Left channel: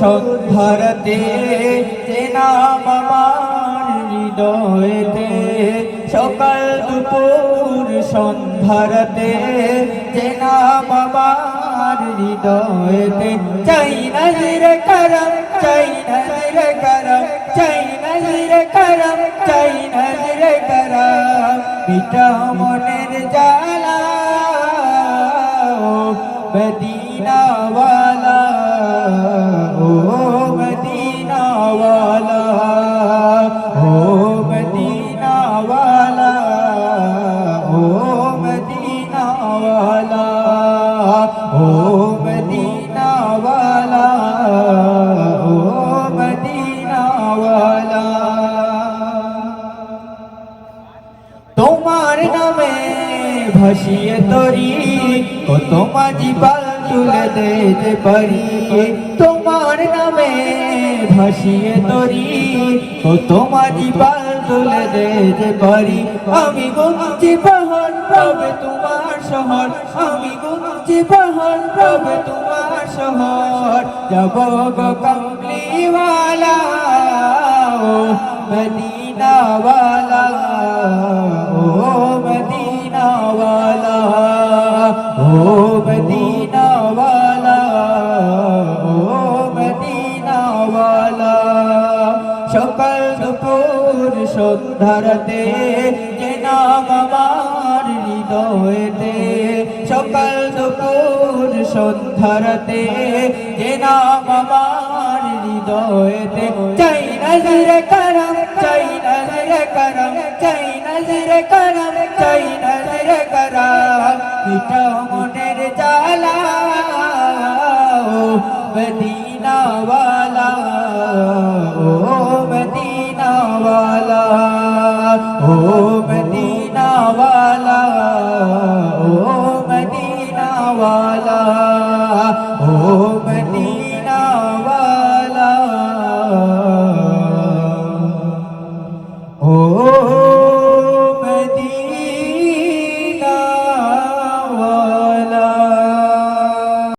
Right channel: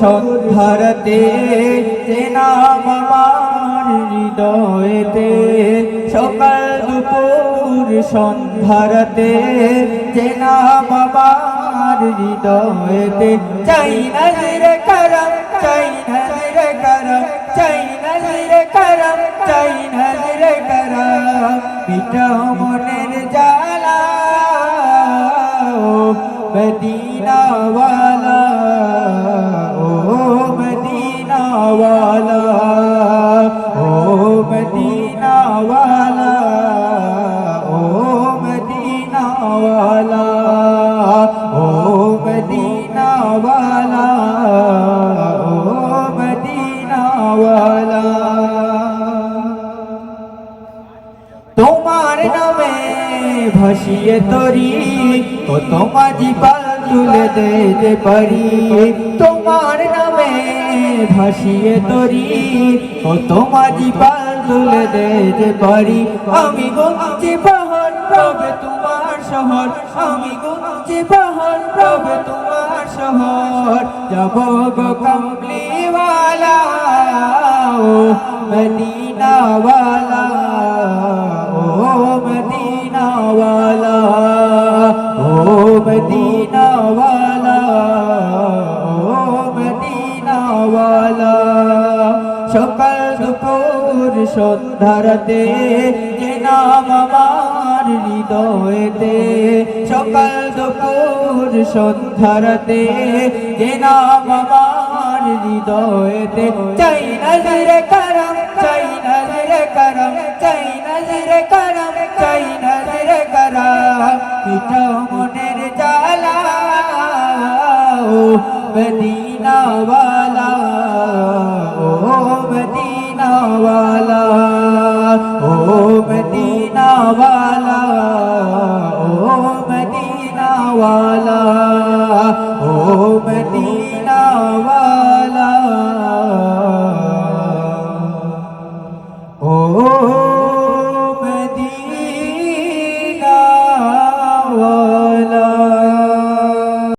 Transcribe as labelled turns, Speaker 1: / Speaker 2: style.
Speaker 1: সন্ধারতে চেনা বাবার হৃদয়েতে সকাল দুপুর সন্ধারতে চেনা বাবার হৃদয়েতে চাই নজরে করম চাই নজরে করম চাই নজরে করম চাই নজরে করম পিতা মনের জালা মদিনা ভাসিয়ে তরি কত মাঝি তুলে দিতে পারি তোমার নামে ভাসিয়ে তরি কত মাঝি তুলে দিতে পারি আমি পাহাড় প্রভু তোমার শহর, আমি পাহাড় প্রভু তোমার শহর, যাব সকাল দুপুর সন্ধ্যারতে যে নাম আমার হৃদয়েতে। সকাল দুপুর সন্ধ্যারতে যে নাম আমার হৃদয়েতে। চাই নজরে করম চাই নজরে করম চাই নজরে করম চাই নজরে করম। পিতা মনের জালা ও